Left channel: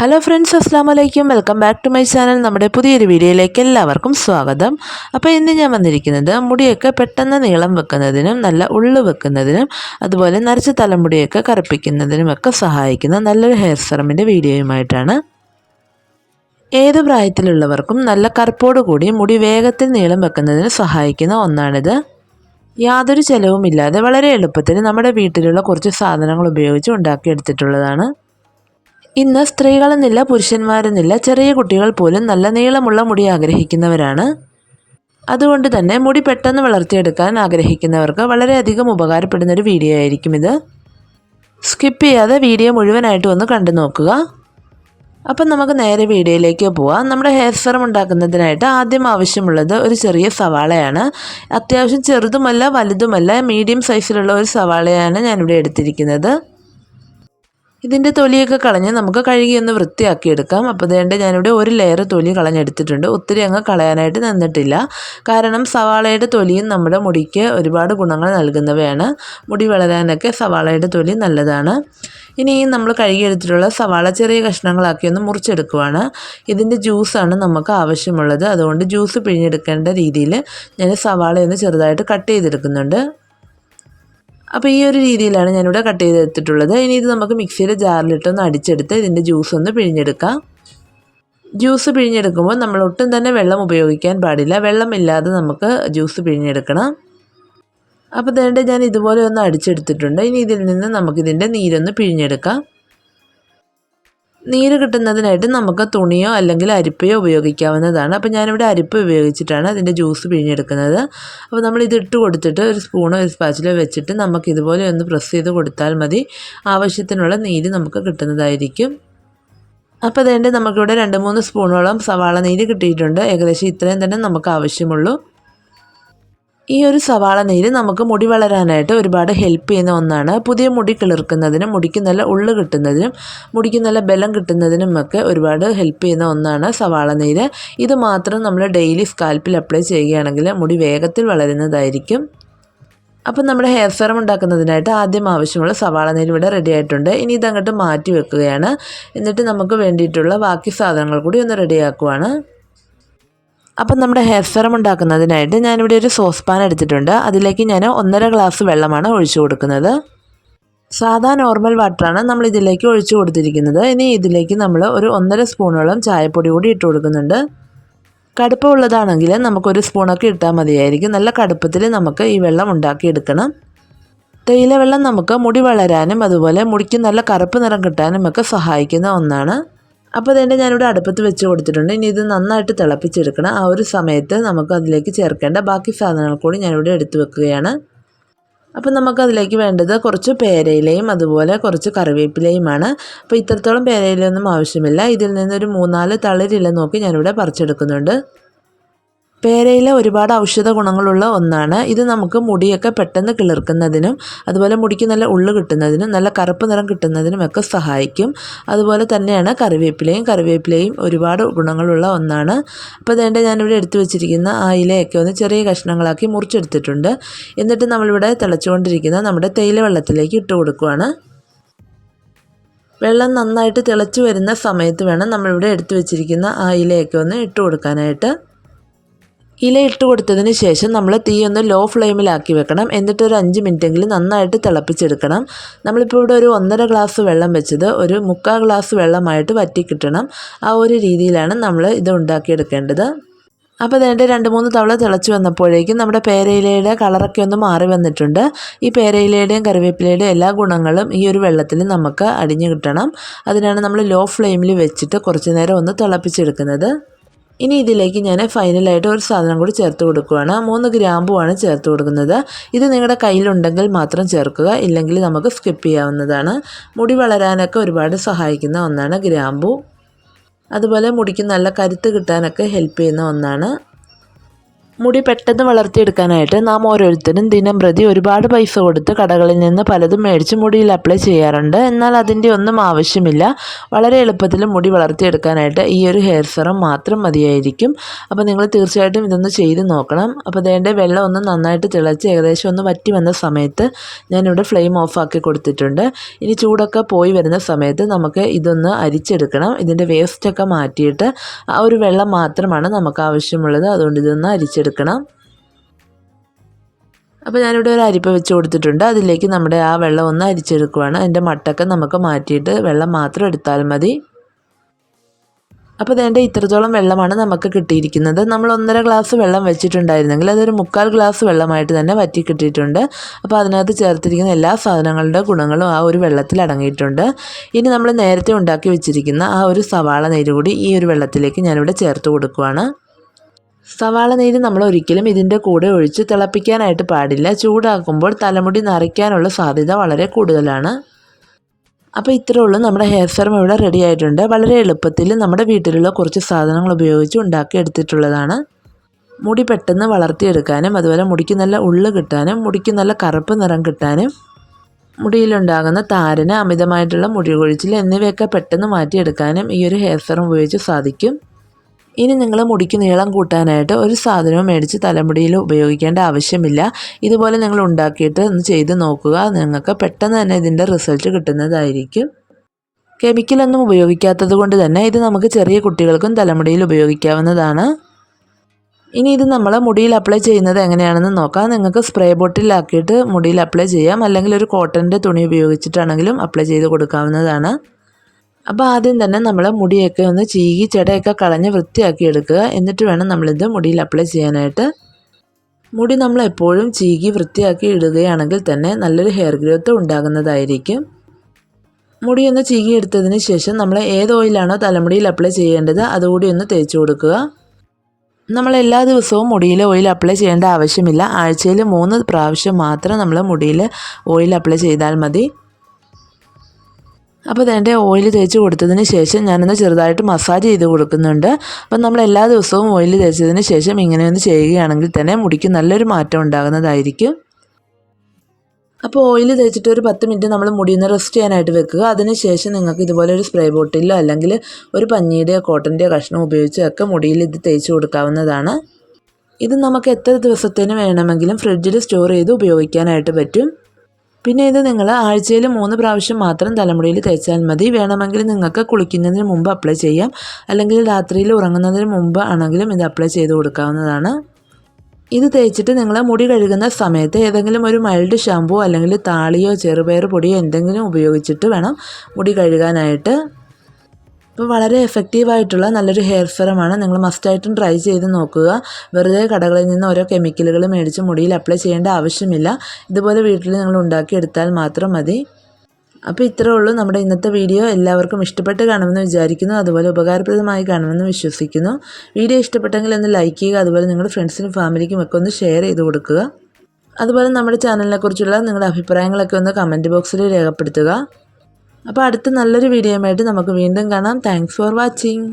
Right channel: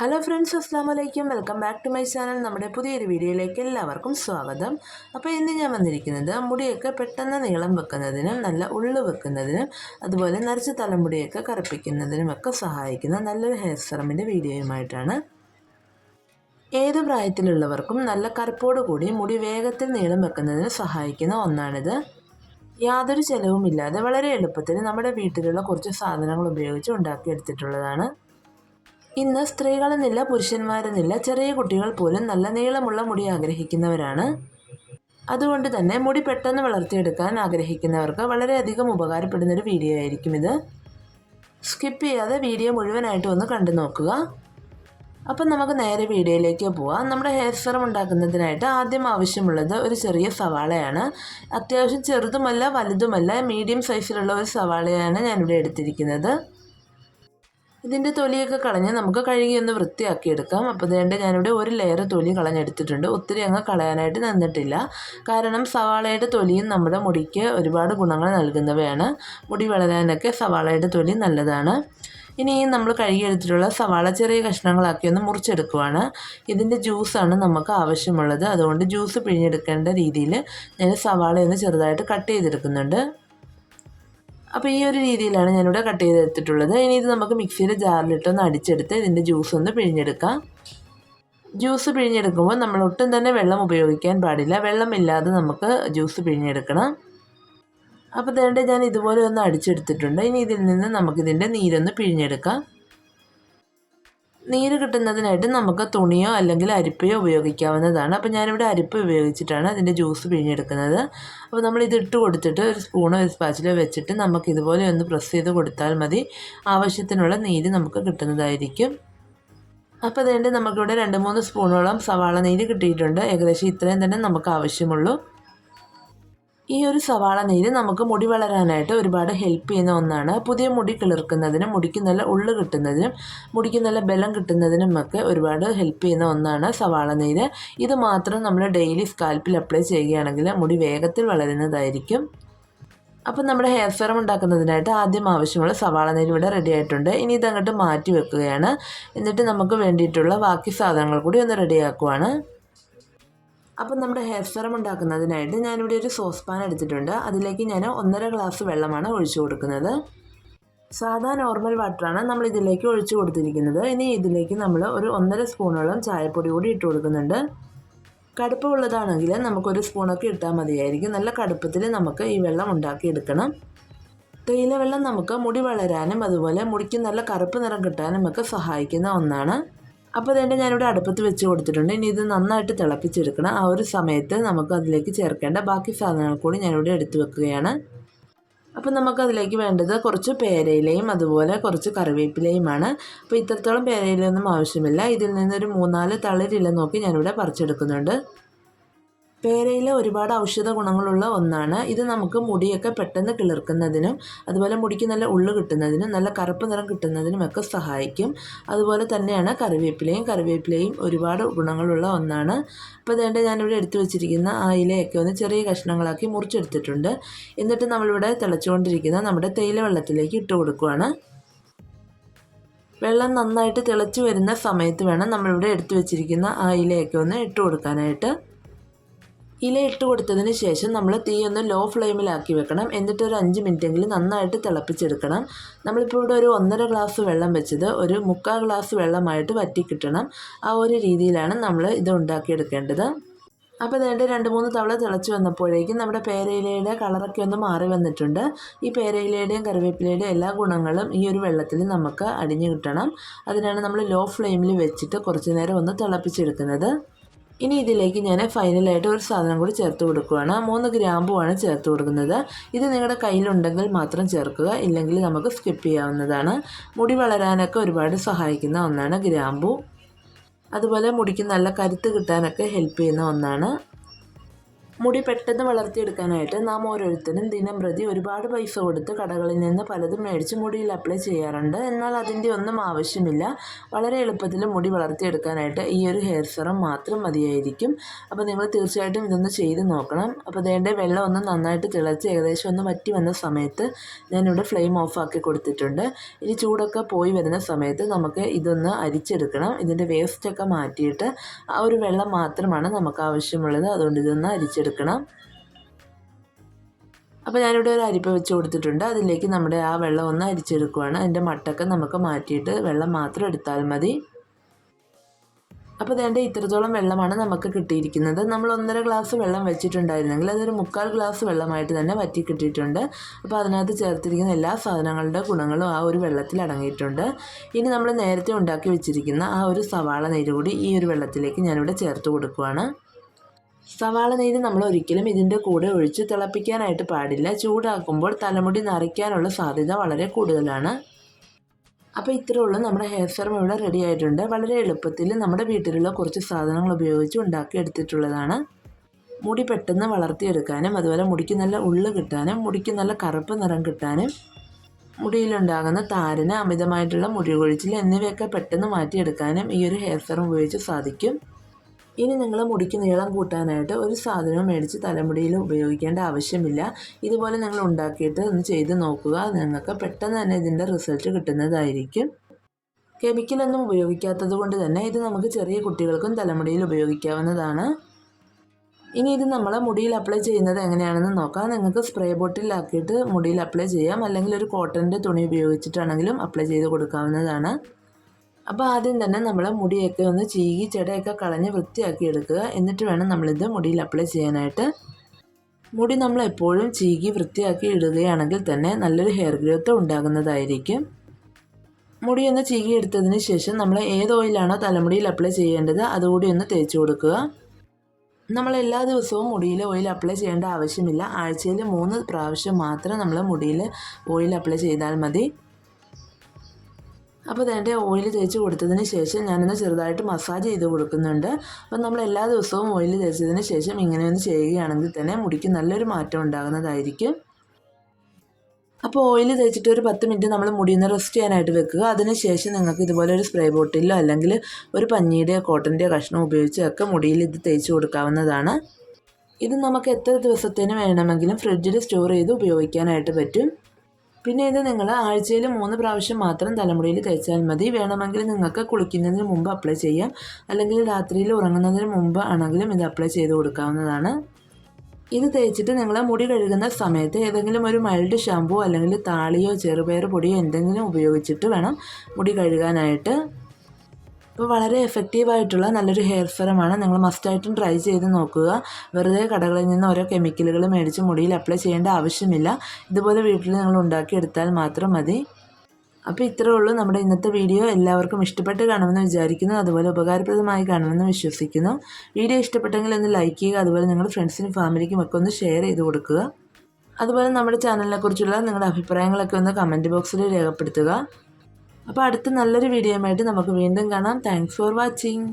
Hello friends അസ്സാം വലൈക്കും welcome back to my channel നമ്മുടെ പുതിയൊരു വീഡിയോയിലേക്ക് എല്ലാവർക്കും സ്വാഗതം. അപ്പോൾ ഇന്ന് ഞാൻ വന്നിരിക്കുന്നത് മുടിയൊക്കെ പെട്ടെന്ന് നീളം വെക്കുന്നതിനും നല്ല ഉള്ളു വെക്കുന്നതിനും അതുപോലെ നരച്ച തലമുടിയൊക്കെ കറുപ്പിക്കുന്നതിനുമൊക്കെ സഹായിക്കുന്ന നല്ലൊരു ഹെയർ സെറമിന്റെ വീഡിയോയുമായിട്ടാണ്. ഏത് പ്രായത്തിലുള്ളവർക്കും നല്ല കറുപ്പോട് കൂടി മുടി വേഗത്തിൽ നീളം വെക്കുന്നതിന് സഹായിക്കുന്ന ഒന്നാണിത്. യാതൊരു ചിലവുമില്ലാതെ വളരെ എളുപ്പത്തിൽ നമ്മുടെ വീട്ടിലുള്ള കുറച്ച് സാധനങ്ങൾ ഉപയോഗിച്ച് ഉണ്ടാക്കിയെടുത്തിട്ടുള്ളതാണ്. ഇന്ന് സ്ത്രീകളെന്നില്ല പുരുഷന്മാരെന്നില്ല ചെറിയ കുട്ടികൾ പോലും നല്ല നീളമുള്ള മുടി ആഗ്രഹിക്കുന്നവരാണ്. അതുകൊണ്ട് തന്നെ മുടി പെട്ടെന്ന് വളർത്തിയെടുക്കാൻ ആഗ്രഹിക്കുന്നവർക്ക് വളരെയധികം ഉപകാരപ്പെടുന്ന ഒരു വീഡിയോ ആയിരിക്കും ഇത്. സ്കിപ്പ് ചെയ്യാതെ വീഡിയോ മുഴുവനായിട്ട് ഒന്ന് കണ്ടു നോക്കുക. അപ്പം നമുക്ക് നേരെ വീഡിയോയിലേക്ക് പോവാം. നമ്മുടെ ഹെയർ സെറം ഉണ്ടാക്കുന്നതിനായിട്ട് ആദ്യം ആവശ്യമുള്ളത് ഒരു ചെറിയ സവാളയാണ്. അത്യാവശ്യം ചെറുതുമല്ല വലുതുമല്ല മീഡിയം സൈസിലുള്ള ഒരു സവാളയാണ് ഞാനിവിടെ എടുത്തിരിക്കുന്നത്. ഇതിന്റെ തൊലിയൊക്കെ കളഞ്ഞ് നമുക്ക് കഴുകി ഒന്ന് വൃത്തിയാക്കി എടുക്കാം അപ്പോൾ വേണ്ട ഞാനിവിടെ ഒരു ലെയർ തൊലി കളഞ്ഞെടുത്തിട്ടുണ്ട്. ഒത്തിരി അങ്ങ് കളയാനായിട്ട് നിന്നിട്ടില്ല. കാരണം സവാളയുടെ തൊലിയും നമ്മുടെ മുടിക്ക് ഒരുപാട് ഗുണങ്ങൾ നൽകുന്നവയാണ്. മുടി വളരാനൊക്കെ സവാളയുടെ തൊലി നല്ലതാണ്. ഇനി നമ്മൾ കഴുകിയെടുത്തിട്ടുള്ള സവാള ചെറിയ കഷ്ണങ്ങളാക്കി ഒന്ന് മുറിച്ചെടുക്കുവാണ്. ഇതിന്റെ ജ്യൂസാണ് നമുക്ക് ആവശ്യമുള്ളത്. അതുകൊണ്ട് ജ്യൂസ് പിഴിഞ്ഞെടുക്കേണ്ട രീതിയിൽ ഞാൻ സവാളയൊന്ന് ചെറുതായിട്ട് കട്ട് ചെയ്തെടുക്കുന്നുണ്ട്. അപ്പോൾ ഈ ഒരു രീതിയിലാണ് ഞാനിവിടെ കട്ട് ചെയ്തെടുത്തിട്ടുള്ളത് ഇനി ഇത് നമുക്ക് മിക്സിയിൽ ജാറിലിട്ടൊന്ന് അടിച്ചെടുത്ത് ഇതിന്റെ ജ്യൂസ് ഒന്ന് പിഴിഞ്ഞെടുക്കാം. ജ്യൂസ് പിഴിഞ്ഞെടുക്കുമ്പോൾ നമ്മൾ ഒട്ടും തന്നെ വെള്ളം ഉപയോഗിക്കാൻ പാടില്ല. വെള്ളമില്ലാതെ നമുക്ക് ജ്യൂസ് പിഴിഞ്ഞെടുക്കണം. അപ്പോൾ തേണ്ട ഞാൻ ഇതുപോലെ ഒന്ന് അടിച്ചെടുത്തിട്ടുണ്ട്. ഇനി ഇതിൽ നിന്ന് നമുക്കിതിന്റെ നീരൊന്ന് പിഴിഞ്ഞെടുക്കാം. നീര് കിട്ടുന്നതിനായിട്ട് നമുക്ക് തുണിയോ അല്ലെങ്കിൽ അരിപ്പയോ ഉപയോഗിക്കാവുന്നതാണ്. അപ്പോൾ ഞാനിവിടെ അരിപ്പ് ഉപയോഗിച്ചിട്ടാണ് അതിന്റെ ജ്യൂസ് പിഴിഞ്ഞെടുക്കുന്നത്. അപ്പോൾ നമ്മൾ ഇത് ഇട്ട് കൊടുത്തിട്ട് ഒരു സ്പൂണോ ഒരു സ്പാച്ചിലോ വെച്ചിട്ട് നമുക്ക് ഇതുപോലെ ഒന്ന് പ്രസ് ചെയ്ത് കൊടുത്താൽ മതി. ആവശ്യത്തിനുള്ള നീര് നമുക്ക് കിട്ടുന്നതായിരിക്കും. അപ്പോൾ അതുകൊണ്ട് നമുക്കിവിടെ രണ്ട് മൂന്ന് സ്പൂണോളം സവാള നീര് കിട്ടിയിട്ടുണ്ട്. ഏകദേശം ഇത്രയും തന്നെ നമുക്ക് ആവശ്യമുള്ളൂ. ഈ ഒരു സവാള നീര് നമുക്ക് മുടി വളരാനായിട്ട് ഒരുപാട് ഹെൽപ്പ് ചെയ്യുന്ന ഒന്നാണ് പുതിയ മുടി കിളിർക്കുന്നതിനും മുടിക്ക് നല്ല ഉള്ളു കിട്ടുന്നതിനും മുടിക്ക് നല്ല ബലം കിട്ടുന്നതിനും ഒക്കെ ഒരുപാട് ഹെൽപ്പ് ചെയ്യുന്ന ഒന്നാണ് സവാള നീര് ഇത് മാത്രം നമ്മൾ ഡെയിലി സ്കാൽപ്പിൽ അപ്ലൈ ചെയ്യുകയാണെങ്കിൽ മുടി വേഗത്തിൽ വളരുന്നതായിരിക്കും. അപ്പം നമ്മുടെ ഹെയർ സെറം ഉണ്ടാക്കുന്നതിനായിട്ട് ആദ്യം ആവശ്യമുള്ള സവാള നീര് ഇവിടെ റെഡി ആയിട്ടുണ്ട്. ഇനി ഇതങ്ങോട്ട് മാറ്റി വെക്കുകയാണ്. എന്നിട്ട് നമുക്ക് വേണ്ടിയിട്ടുള്ള ബാക്കി സാധനങ്ങൾ കൂടി ഒന്ന് റെഡിയാക്കുവാണ് അപ്പം നമ്മുടെ ഹെയർ സെറം ഉണ്ടാക്കുന്നതിനായിട്ട് ഞാനിവിടെ ഒരു സോസ് പാൻ എടുത്തിട്ടുണ്ട്. അതിലേക്ക് ഞാൻ ഒന്നര ഗ്ലാസ് വെള്ളമാണ് ഒഴിച്ചു കൊടുക്കുന്നത്. സാധാ നോർമൽ വാട്ടറാണ് നമ്മൾ ഇതിലേക്ക് ഒഴിച്ചു കൊടുത്തിരിക്കുന്നത്. ഇനി ഇതിലേക്ക് നമ്മൾ ഒരു ഒന്നര സ്പൂണോളം ചായപ്പൊടി കൂടി ഇട്ട് കൊടുക്കുന്നുണ്ട്. കടുപ്പമുള്ളതാണെങ്കിൽ നമുക്കൊരു സ്പൂണൊക്കെ ഇട്ടാൽ മതിയായിരിക്കും. നല്ല കടുപ്പത്തിൽ നമുക്ക് ഈ വെള്ളം ഉണ്ടാക്കിയെടുക്കണം തേയില വെള്ളം നമുക്ക് മുടി വളരാനും അതുപോലെ മുടിക്ക് നല്ല കറുപ്പ് നിറം കിട്ടാനും ഒക്കെ സഹായിക്കുന്ന ഒന്നാണ്. അപ്പോൾ അതിന്റെ ഞാനിവിടെ അടുപ്പത്ത് വെച്ച് കൊടുത്തിട്ടുണ്ട്. ഇനി ഇത് നന്നായിട്ട് തിളപ്പിച്ചെടുക്കണം. ആ ഒരു സമയത്ത് നമുക്ക് അതിലേക്ക് ചേർക്കേണ്ട ബാക്കി സാധനങ്ങൾ കൂടി ഞാനിവിടെ എടുത്തു വെക്കുകയാണ്. അപ്പോൾ നമുക്കതിലേക്ക് വേണ്ടത് കുറച്ച് പേരയിലയും അതുപോലെ കുറച്ച് കറിവേപ്പിലയുമാണ്. അപ്പോൾ ഇത്രത്തോളം പേരയിലൊന്നും ആവശ്യമില്ല. ഇതിൽ നിന്നൊരു മൂന്നാൽ തളിരില നോക്കി ഞാനിവിടെ പറിച്ചെടുക്കുന്നുണ്ട്. പേരയില ഒരുപാട് ഔഷധ ഗുണങ്ങളുള്ള ഒന്നാണ്. ഇത് നമുക്ക് മുടിയൊക്കെ പെട്ടെന്ന് കിളിർക്കുന്നതിനും അതുപോലെ മുടിക്ക് നല്ല ഉള്ളു കിട്ടുന്നതിനും നല്ല കറുപ്പ് നിറം കിട്ടുന്നതിനും ഒക്കെ സഹായിക്കും. അതുപോലെ തന്നെയാണ് കറിവേപ്പിലയും. കറിവേപ്പിലയും ഒരുപാട് ഗുണങ്ങളുള്ള ഒന്നാണ്. അപ്പോൾ അതേണ്ട ഞാനിവിടെ എടുത്തു വെച്ചിരിക്കുന്ന ആ ഇലയൊക്കെ ഒന്ന് ചെറിയ കഷ്ണങ്ങളാക്കി മുറിച്ചെടുത്തിട്ടുണ്ട്. എന്നിട്ട് നമ്മളിവിടെ തിളച്ചുകൊണ്ടിരിക്കുന്ന നമ്മുടെ തേയില വെള്ളത്തിലേക്ക് ഇട്ട് കൊടുക്കുകയാണ് വെള്ളം നന്നായിട്ട് തിളച്ചു വരുന്ന സമയത്ത് വേണം നമ്മളിവിടെ എടുത്തു വെച്ചിരിക്കുന്ന ആ ഇലയൊക്കെ ഒന്ന് ഇട്ട് കൊടുക്കാനായിട്ട്. ഇല ഇട്ട് കൊടുത്തതിന് ശേഷം നമ്മൾ തീ ഒന്ന് ലോ ഫ്ലെയിമിലാക്കി വെക്കണം. എന്നിട്ട് ഒരു അഞ്ച് മിനിറ്റെങ്കിലും നന്നായിട്ട് തിളപ്പിച്ചെടുക്കണം. നമ്മളിപ്പോൾ ഇവിടെ ഒരു ഒന്നര ഗ്ലാസ് വെള്ളം വെച്ചത് ഒരു മുക്കാൽ ഗ്ലാസ് വെള്ളമായിട്ട് വറ്റി കിട്ടണം. ആ ഒരു രീതിയിലാണ് നമ്മൾ ഇത് ഉണ്ടാക്കിയെടുക്കേണ്ടത്. അപ്പോൾ അതിന്റെ രണ്ട് മൂന്ന് തവള തിളച്ച് വന്നപ്പോഴേക്കും നമ്മുടെ പേരയിലയുടെ കളറൊക്കെ ഒന്ന് മാറി വന്നിട്ടുണ്ട്. ഈ പേരയിലയുടെയും കറിവേപ്പിലയുടെയും എല്ലാ ഗുണങ്ങളും ഈ ഒരു വെള്ളത്തിൽ നമുക്ക് അടിഞ്ഞു കിട്ടണം. അതിനാണ് നമ്മൾ ലോ ഫ്ലെയിമിൽ വെച്ചിട്ട് കുറച്ച് നേരം ഒന്ന് തിളപ്പിച്ചെടുക്കുന്നത്. ഇനി ഇതിലേക്ക് ഞാൻ ഫൈനലായിട്ട് ഒരു സാധനം കൂടി ചേർത്ത് കൊടുക്കുകയാണ് മൂന്ന് ഗ്രാമ്പുമാണ് ചേർത്ത് കൊടുക്കുന്നത്. ഇത് നിങ്ങളുടെ കയ്യിലുണ്ടെങ്കിൽ മാത്രം ചേർക്കുക. ഇല്ലെങ്കിൽ നമുക്ക് സ്കിപ്പ് ചെയ്യാവുന്നതാണ്. മുടി വളരാനൊക്കെ ഒരുപാട് സഹായിക്കുന്ന ഒന്നാണ് ഗ്രാമ്പു. അതുപോലെ മുടിക്ക് നല്ല കരുത്ത് കിട്ടാനൊക്കെ ഹെൽപ്പ് ചെയ്യുന്ന ഒന്നാണ്. മുടി പെട്ടെന്ന് വളർത്തിയെടുക്കാനായിട്ട് നാം ഓരോരുത്തരും ദിനം പ്രതി ഒരുപാട് പൈസ കൊടുത്ത് കടകളിൽ നിന്ന് പലതും മേടിച്ച് മുടിയിൽ അപ്ലൈ ചെയ്യാറുണ്ട്. എന്നാൽ അതിന്റെ ഒന്നും ആവശ്യമില്ല. വളരെ എളുപ്പത്തിൽ മുടി വളർത്തിയെടുക്കാനായിട്ട് ഈ ഒരു ഹെയർ സെറം മാത്രം മതിയായിരിക്കും. അപ്പോൾ നിങ്ങൾ തീർച്ചയായിട്ടും ഇതൊന്ന് ചെയ്ത് നോക്കണം. അപ്പോൾ അതേന്റെ വെള്ളം ഒന്ന് നന്നായിട്ട് തിളച്ച് ഏകദേശം ഒന്ന് വറ്റി വന്ന സമയത്ത് ഞാനിവിടെ ഫ്ലെയിം ഓഫാക്കി കൊടുത്തിട്ടുണ്ട്. ഇനി ചൂടൊക്കെ പോയി വരുന്ന സമയത്ത് നമുക്ക് ഇതൊന്ന് അരിച്ചെടുക്കണം. ഇതിന്റെ വേസ്റ്റൊക്കെ മാറ്റിയിട്ട് ആ ഒരു വെള്ളം മാത്രമാണ് നമുക്ക് ആവശ്യമുള്ളത്. അതുകൊണ്ട് ഇതൊന്ന് അരിച്ചെടുക്കണം അപ്പോൾ ഞാനിവിടെ ഒരു അരിപ്പ വെച്ച് കൊടുത്തിട്ടുണ്ട്. അതിലേക്ക് നമ്മുടെ ആ വെള്ളം ഒന്ന് അരിച്ചെടുക്കുവാണ്. അതിന്റെ മട്ടൊക്കെ നമുക്ക് മാറ്റിയിട്ട് വെള്ളം മാത്രം എടുത്താൽ മതി. അപ്പോൾ വേണ്ട ഇത്രത്തോളം വെള്ളമാണ് നമുക്ക് കിട്ടിയിരിക്കുന്നത്. നമ്മൾ ഒന്നര ഗ്ലാസ് വെള്ളം വെച്ചിട്ടുണ്ടായിരുന്നെങ്കിൽ അതൊരു മുക്കാൽ ഗ്ലാസ് വെള്ളമായിട്ട് തന്നെ വറ്റി കിട്ടിയിട്ടുണ്ട്. അപ്പോൾ അതിനകത്ത് ചേർത്തിരിക്കുന്ന എല്ലാ സാധനങ്ങളുടെ ഗുണങ്ങളും ആ ഒരു വെള്ളത്തിൽ അടങ്ങിയിട്ടുണ്ട്. ഇനി നമ്മൾ നേരത്തെ ഉണ്ടാക്കി വെച്ചിരിക്കുന്ന ആ ഒരു സവാള നീര് കൂടി ഈ ഒരു വെള്ളത്തിലേക്ക് ഞാനിവിടെ ചേർത്ത് കൊടുക്കുവാണ്. സവാള നീര് നമ്മൾ ഒരിക്കലും ഇതിന്റെ കൂടെ ഒഴിച്ച് തിളപ്പിക്കാനായിട്ട് പാടില്ല. ചൂടാക്കുമ്പോൾ തലമുടി നരയ്ക്കാനുള്ള സാധ്യത വളരെ കൂടുതലാണ്. അപ്പോൾ ഇത്രേ ഉള്ളൂ. നമ്മുടെ ഹെയർ സെറം ഇവിടെ റെഡി ആയിട്ടുണ്ട്. വളരെ എളുപ്പത്തിൽ നമ്മുടെ വീട്ടിലുള്ള കുറച്ച് സാധനങ്ങൾ ഉപയോഗിച്ച് ഉണ്ടാക്കി എടുത്തിട്ടുള്ളതാണ്. മുടി പെട്ടെന്ന് വളർത്തിയെടുക്കാനും അതുപോലെ മുടിക്ക് നല്ല ഉള്ളു കിട്ടാനും മുടിക്ക് നല്ല കറുപ്പ് നിറം കിട്ടാനും മുടിയിലുണ്ടാകുന്ന താരന് അമിതമായിട്ടുള്ള മുടി കൊഴിച്ചിൽ എന്നിവയൊക്കെ പെട്ടെന്ന് മാറ്റിയെടുക്കാനും ഈ ഒരു ഹെയർ സെറം ഉപയോഗിച്ച് സാധിക്കും. ഇനി നിങ്ങൾ മുടിക്ക് നീളം കൂട്ടാനായിട്ട് ഒരു സാധനവും മേടിച്ച് തലമുടിയിൽ ഉപയോഗിക്കേണ്ട ആവശ്യമില്ല. ഇതുപോലെ നിങ്ങൾ ഉണ്ടാക്കിയിട്ട് ഒന്ന് ചെയ്ത് നോക്കുക. നിങ്ങൾക്ക് പെട്ടെന്ന് തന്നെ ഇതിന്റെ റിസൾട്ട് കിട്ടുന്നതായിരിക്കും. കെമിക്കലൊന്നും ഉപയോഗിക്കാത്തത് കൊണ്ട് തന്നെ ഇത് നമുക്ക് ചെറിയ കുട്ടികൾക്കും തലമുടിയിൽ ഉപയോഗിക്കാവുന്നതാണ്. ഇനി ഇത് നമ്മൾ മുടിയിൽ അപ്ലൈ ചെയ്യുന്നത് എങ്ങനെയാണെന്ന് നോക്കാം. നിങ്ങൾക്ക് സ്പ്രേ ബോട്ടിലാക്കിയിട്ട് മുടിയിൽ അപ്ലൈ ചെയ്യാം. അല്ലെങ്കിൽ ഒരു കോട്ടന്റെ തുണി ഉപയോഗിച്ചിട്ടാണെങ്കിലും അപ്ലൈ ചെയ്ത് കൊടുക്കാവുന്നതാണ്. അപ്പോൾ ആദ്യം തന്നെ നമ്മൾ മുടിയൊക്കെ ഒന്ന് ചീകി ചെടയൊക്കെ കളഞ്ഞ് വൃത്തിയാക്കി എടുക്കുക. എന്നിട്ട് വേണം നമ്മളിത് മുടിയിൽ അപ്ലൈ ചെയ്യാനായിട്ട്. മുടി നമ്മൾ എപ്പോഴും ചീകി വൃത്തിയാക്കി ഇടുകയാണെങ്കിൽ തന്നെ നല്ലൊരു ഹെയർ ഗ്രോത്ത് ഉണ്ടാകുന്നതായിരിക്കും. മുടി ഒന്ന് ചീകി എടുത്തതിന് ശേഷം നമ്മൾ ഏത് ഓയിലാണോ തലമുടിയിൽ അപ്ലൈ ചെയ്യേണ്ടത് അതുകൂടി ഒന്ന് തേച്ച് കൊടുക്കുക. നമ്മൾ എല്ലാ ദിവസവും മുടിയിൽ ഓയിൽ അപ്ലൈ ചെയ്യേണ്ട ആവശ്യമില്ല. ആഴ്ചയിൽ മൂന്ന് പ്രാവശ്യം മാത്രം നമ്മൾ മുടിയിൽ ഓയിൽ അപ്ലൈ ചെയ്താൽ മതി. അപ്പോൾ ഇതിന്റെ ഓയിൽ തേച്ച് കൊടുത്തതിന് ശേഷം ഞാനൊന്ന് ചെറുതായിട്ട് മസാജ് ചെയ്ത് കൊടുക്കുന്നുണ്ട്. അപ്പം നമ്മൾ എല്ലാ ദിവസവും ഓയിൽ തേച്ചതിന് ശേഷം ഇങ്ങനെ ഒന്ന് ചെയ്യുകയാണെങ്കിൽ തന്നെ മുടിക്ക് നല്ലൊരു മാറ്റം ഉണ്ടാകുന്നതായിരിക്കും. അപ്പോൾ ഓയിൽ തേച്ചിട്ട് ഒരു പത്ത് മിനിറ്റ് നമ്മൾ മുടിയൊന്ന് റെസ്റ്റ് ചെയ്യാനായിട്ട് വെക്കുക. അതിന് ശേഷം നിങ്ങൾക്ക് ഇതുപോലെ ഒരു സ്പ്രേ ബോട്ടിലോ അല്ലെങ്കിൽ ഒരു പഞ്ഞിയുടെയോ കോട്ടന്റെയോ കഷ്ണം ഉപയോഗിച്ചൊക്കെ മുടിയിൽ ഇത് തേച്ച് കൊടുക്കാവുന്നതാണ്. ഇത് നമുക്ക് എത്ര ദിവസത്തേന് വേണമെങ്കിലും ഫ്രിഡ്ജിൽ സ്റ്റോർ ചെയ്ത് ഉപയോഗിക്കാനായിട്ട് പറ്റും. പിന്നെ ഇത് നിങ്ങൾ ആഴ്ചയിൽ മൂന്ന് പ്രാവശ്യം മാത്രം തലമുടിയിൽ തേച്ചാൽ മതി. വേണമെങ്കിൽ നിങ്ങൾക്ക് കുളിക്കുന്നതിന് മുമ്പ് അപ്ലൈ ചെയ്യാം. അല്ലെങ്കിൽ രാത്രിയിൽ ഉറങ്ങുന്നതിന് മുമ്പ് ആണെങ്കിലും ഇത് അപ്ലൈ ചെയ്ത് കൊടുക്കാവുന്നതാണ്. ഇത് തേച്ചിട്ട് നിങ്ങൾ മുടി കഴുകുന്ന സമയത്ത് ഏതെങ്കിലും ഒരു മൈൽഡ് ഷാമ്പൂ അല്ലെങ്കിൽ താളിയോ ചെറുപയർ പൊടിയോ എന്തെങ്കിലും ഉപയോഗിച്ചിട്ട് വേണം മുടി കഴുകാനായിട്ട്. അപ്പോൾ വളരെ എഫക്റ്റീവായിട്ടുള്ള നല്ലൊരു ഹെയർ സെറമാണ് നിങ്ങൾ മസ്റ്റായിട്ടും ട്രൈ ചെയ്ത് നോക്കുക. വെറുതെ കടകളിൽ നിന്ന് ഓരോ കെമിക്കലുകൾ മേടിച്ച് മുടിയിൽ അപ്ലൈ ചെയ്യേണ്ട ആവശ്യമില്ല. ഇതുപോലെ വീട്ടിൽ നിങ്ങൾ ഉണ്ടാക്കിയെടുത്താൽ മാത്രം മതി. അപ്പോൾ ഇത്രേ ഉള്ളൂ നമ്മുടെ ഇന്നത്തെ വീഡിയോ. എല്ലാവർക്കും ഇഷ്ടപ്പെട്ട് കാണുമെന്ന് വിചാരിക്കുന്നു. അതുപോലെ ഉപകാരപ്രദമായി കാണുമെന്ന് വിശ്വസിക്കുന്നു. വീഡിയോ ഇഷ്ടപ്പെട്ടെങ്കിൽ ഒന്ന് ലൈക്ക് ചെയ്യുക. അതുപോലെ നിങ്ങളുടെ ഫ്രണ്ട്സിനും ഫാമിലിക്കും ഒക്കെ ഒന്ന് ഷെയർ ചെയ്ത് കൊടുക്കുക. അതുപോലെ നമ്മുടെ ചാനലിനെക്കുറിച്ചുള്ള നിങ്ങളുടെ അഭിപ്രായങ്ങളൊക്കെ ഒന്ന് കമന്റ് ബോക്സിൽ രേഖപ്പെടുത്തുക. അപ്പോൾ അടുത്ത നല്ലൊരു വീഡിയോയുമായിട്ട് നമുക്ക് വീണ്ടും കാണാം. Thanks for watching